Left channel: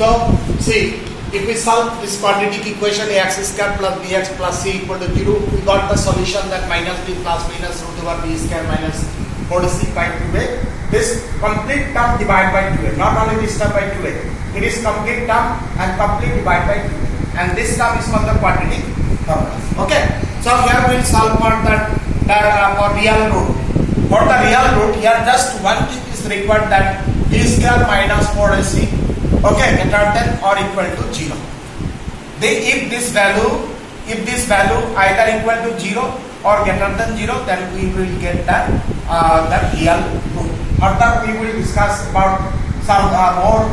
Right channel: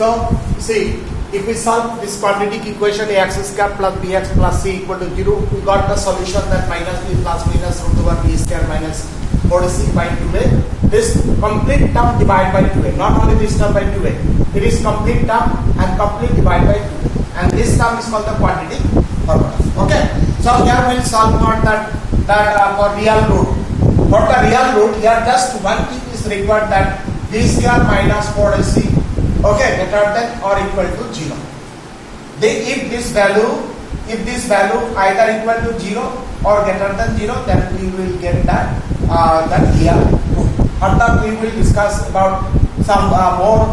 So see, if we solve this quadratic equation ax square plus bx plus c equal to 0, we got the solution that minus b plus minus root over b square minus 4c by 2a. This complete term divided by 2a, not only this term by 2a. It is complete term and complete divided by 2a. And this term is called the quadratic formula. Okay. So here we will solve for that for real root. For the real root, here just one thing is required, that b square minus 4ac, okay, greater than or equal to 0. If this value either equal to 0 or greater than 0, then we will get that real root. Further we will discuss about some more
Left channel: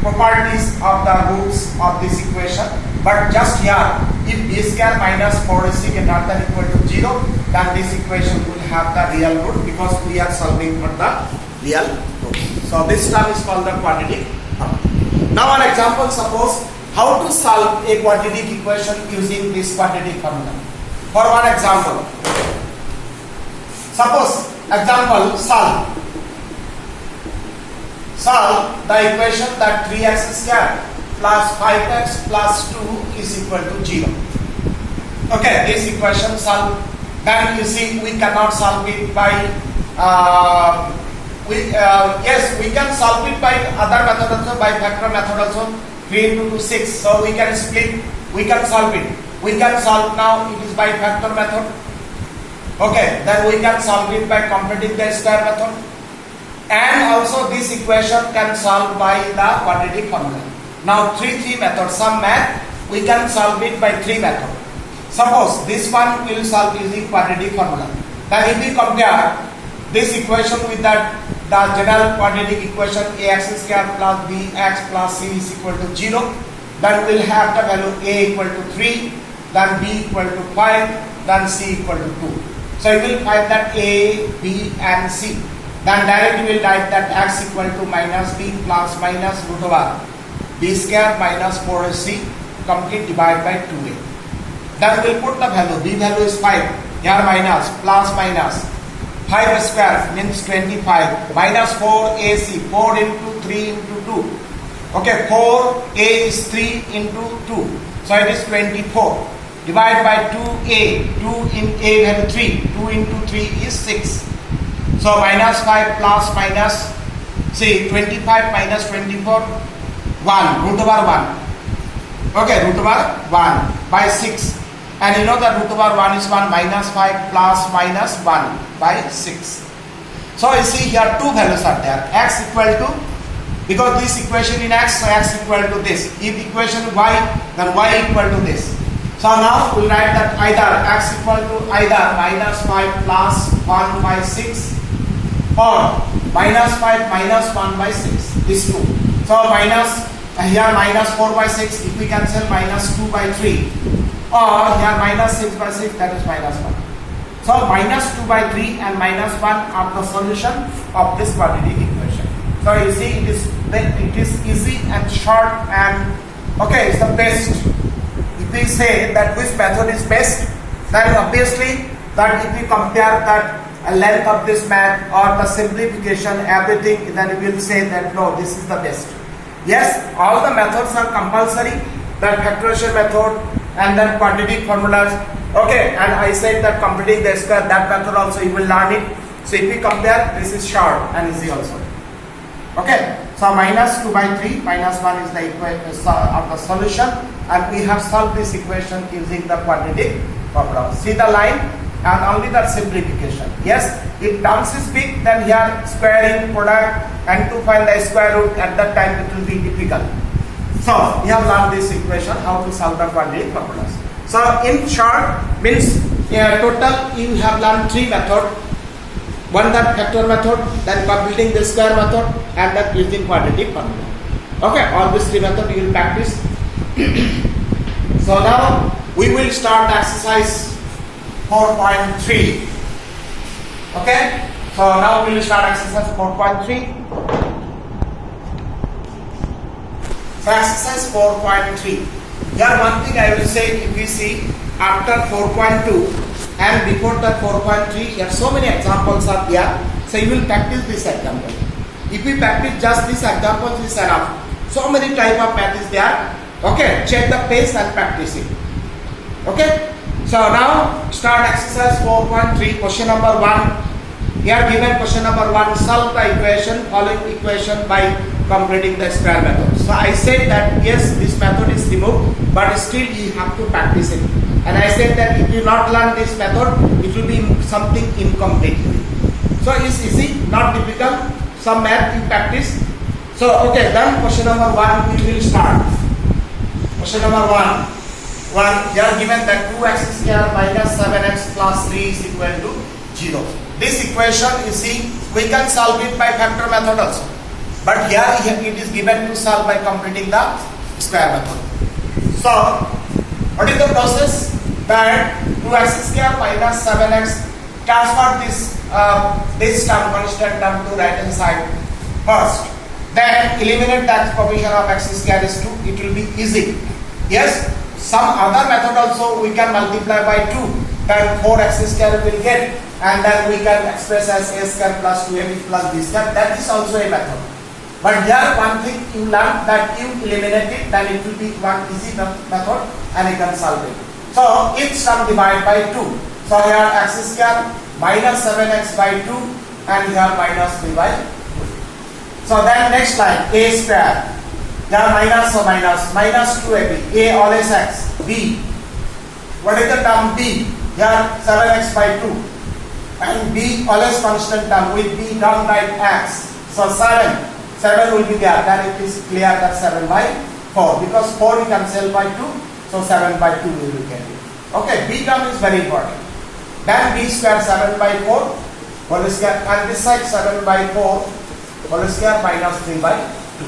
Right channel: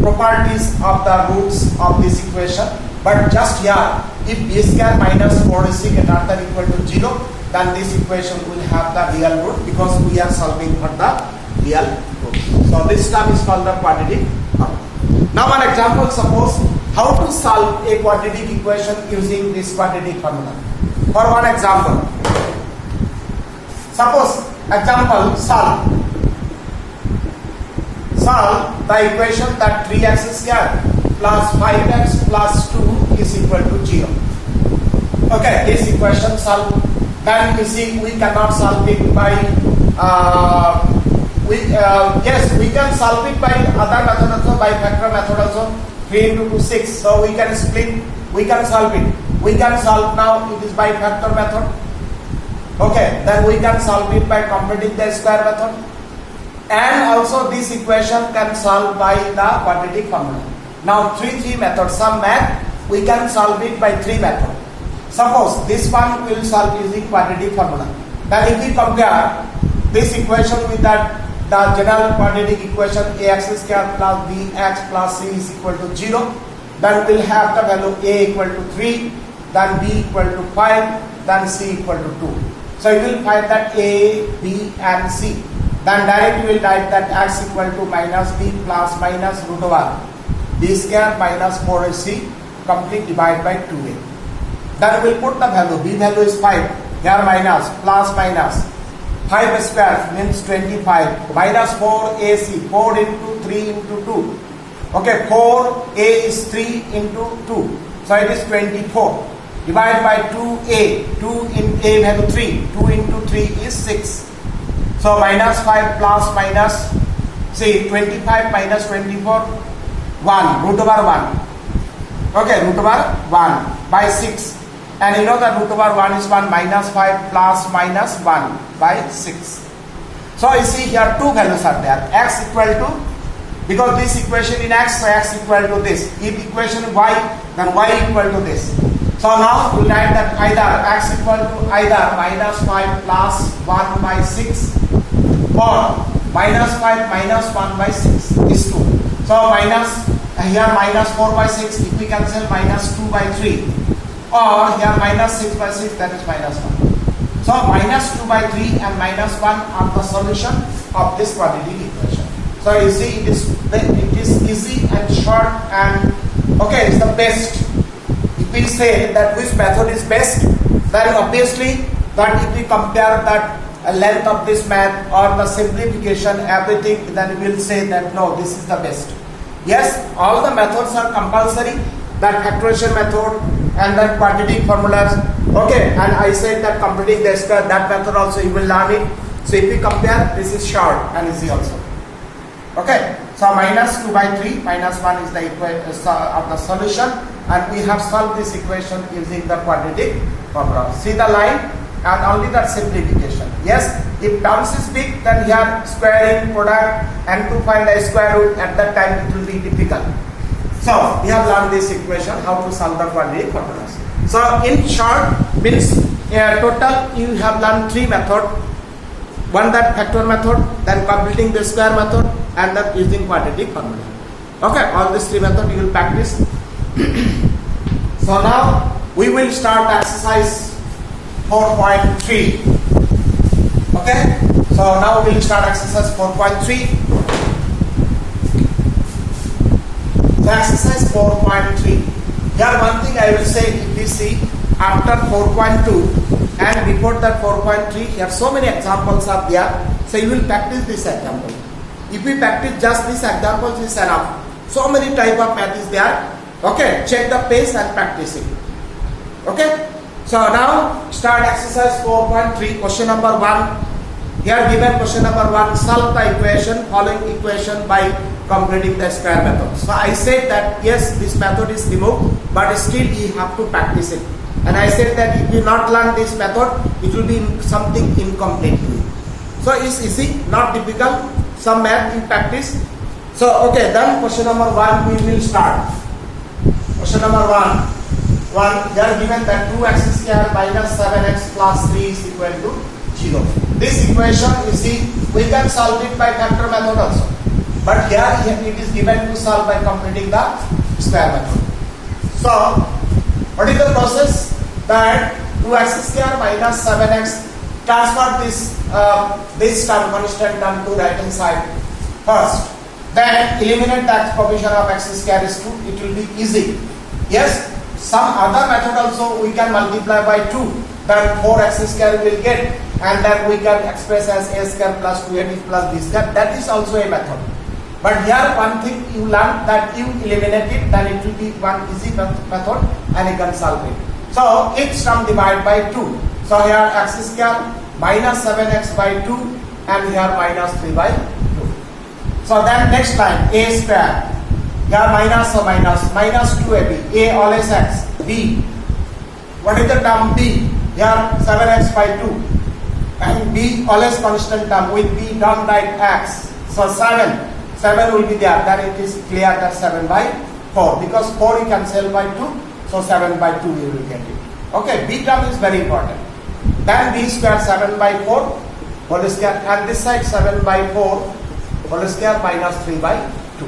properties of the roots of this equation. But just here, if b square minus 4ac greater than equal to 0, then this equation will have the real root, because we are solving for the real root. So this term is called the quadratic formula. Now an example, suppose how to solve a quadratic equation using this quadratic formula. For one example, suppose example, solve the equation that 3x square plus 5x plus 2 is equal to 0. Okay, this equation solve. Then you see we cannot solve it by yes, we can solve it by other method also, by factor method also. 3 into 2 6. So we can split. We can solve it. We can solve now. It is by factor method. Okay. Then we can solve it by completing the square method. And also this equation can solve by the quadratic formula. Now three methods. Some math we can solve it by 3 methods. Suppose this one will solve using quadratic formula. Then if we compare this equation with the general quadratic equation ax square plus bx plus c is equal to 0, then we'll have the value a equal to 3, then b equal to 5, then c equal to 2. So you will find that a, b and c. Then directly we will write that x equal to minus b plus minus root over b square minus 4ac complete divided by 2a. Then we will put the value, b value is 5, here minus, plus minus, 5 square means 25, minus 4ac, 4 into 3 into 2. Okay, 4a is 3 into 2, so it is 24. Divided by 2a, 2 in a value 3, 2 into 3 is 6. So minus 5 plus minus, see 25 minus 24, 1, root over 1. Okay, root over 1 by 6. And you know that root over 1 is 1, minus 5 plus minus 1 by 6. So you see here two values are there. X equal to, because this equation in x, so x equal to this. If equation y, then y equal to this. So now we write that either x equal to either minus 5 plus 1 by 6 or minus 5 minus 1 by 6. These two. So minus, here minus 4 by 6, if we cancel minus 2 by 3. Or here minus 6 by 6, that is minus 1. So minus 2 by 3 and minus 1 are the solution of this quadratic equation. So you see it is easy and short, and okay, it's the best. If we say that which method is best, then obviously that if we compare that length of this math or the simplification, everything, then we will say that no, this is the best. Yes, all the methods are compulsory, that factorization method and then quadratic formulas. Okay, and I said that completing the square, that method also you will learn it. So if we compare, this is short and easy also. Okay, so minus 2 by 3, minus 1 is the solution, and we have solved this equation using the quadratic formula. See the line, and only that simplification. Yes, if terms is big, then here squaring product and to find the square root, at that time it will be difficult. So we have learned this equation, how to solve the quadratic formulas. So in short, means total you have learned 3 methods. One that factor method, then completing the square method, and that using quadratic formula. Okay, all these 3 methods you will practice. So now we will start exercise 4.3. Okay, so now we will start exercise 4.3. So exercise 4.3. Here one thing I will say, if we see after 4.2 and before that 4.3, here so many examples are there. So you will practice this example. If we practice just these examples is enough. So many type of math is there. Okay, check the pace and practice it. Okay, so now start exercise 4.3, question number 1. Here given question number 1, solve the following equation by completing the square method. So I said that yes, this method is removed, but still you have to practice it. And I said that if you not learn this method, it will be something incomplete. So it's easy, not difficult. Some math you practice. So okay, then question number 1 we will start. Question number 1. They are given that 2x square minus 7x plus 3 is equal to 0. This equation, you see, we can solve it by factor method also. But here it is given to solve by completing the square method. So, what is the process? That 2x square minus 7x, transfer this term, constant term to right hand side first. Then eliminate that coefficient of x square is 2. It will be easy. Yes. Some other method also we can multiply by 2, then 4x square will get, and then we can express as a square plus 2ab plus b square. That is also a method. But here one thing you learn, that you eliminate it, then it will be one easy method and you can solve it. So each term divide by 2. So here x square minus 7x by 2 and here minus 3 by 2. So then next line, a square. Here minus, so minus 2ab, a always x, b. What is the term b? Here 7x by 2 and b always constant term, with b don't write x. So 7 will be there, then it is clear that 7 by 4, because 4 you cancel by 2, so 7 by 2 we will get it. Okay, b term is very important. Then b square 7 by 4 whole square, and this side 7 by 4 whole square minus 3 by 2.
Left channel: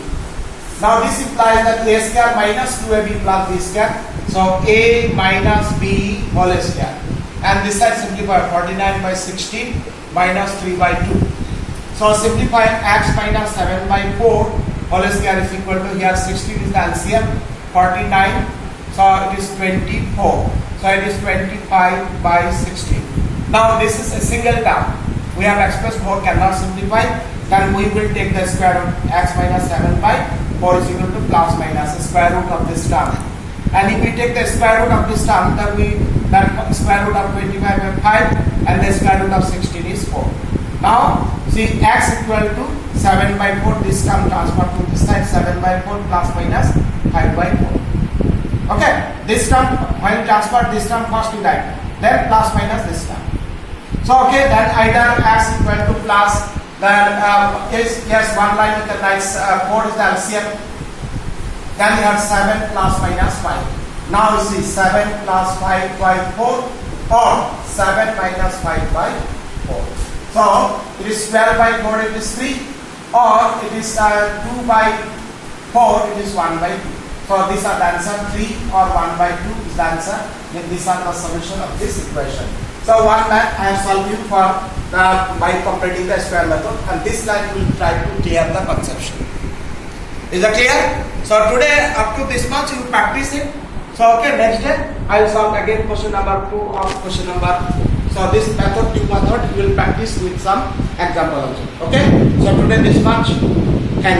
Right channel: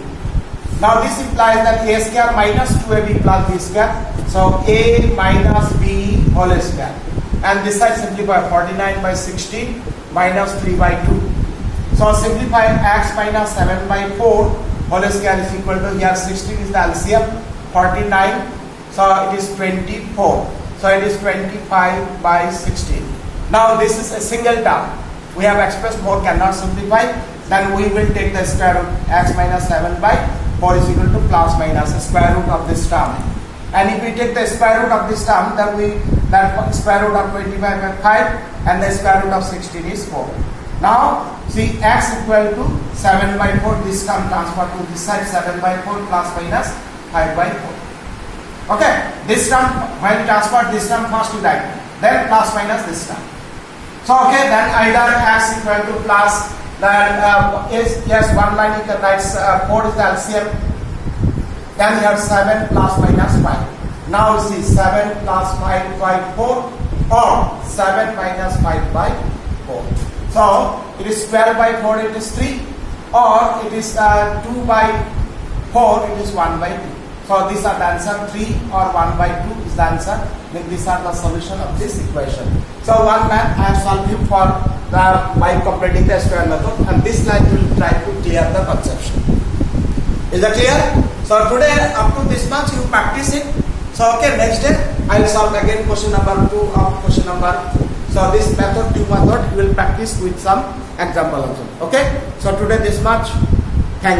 Now this implies that a square minus 2ab plus b square. So a minus b whole square. And this side simplify 49 by 16 minus 3 by 2. So simplify x minus 7 by 4 whole square is equal to, here 16 is the LCM, 49. So it is 24. So it is 25 by 16. Now this is a single term. We have expressed 4 cannot simplify. Then we will take the square root, x minus 7 by 4 is equal to plus minus the square root of this term. And if we take the square root of this term, then the square root of 25 by 5 and the square root of 16 is 4. Now see, x equal to 7 by 4, this term transfer to this side, 7 by 4 plus minus 5 by 4. Okay, this term, when transfer this term first to that, then plus minus this term. So okay, then either x equal to plus, then is, yes, one line you can write 4 is the LCM. Then we have 7 plus minus 5. Now see, 7 plus 5 by 4 or 7 minus 5 by 4. So it is 12 by 4, it is 3, or it is 2 by 4, it is 1 by 2. So these are the answer, 3 or 1 by 2 is the answer. Then these are the solution of this equation. So one math I have solved it for by completing the square method, and this line will try to clear the conception. Is that clear? So today up to this much you practice it. So okay, next day I will solve again question number 2 of question number 4. So this method, 2 method, you will practice with some example also. Okay. So today this much.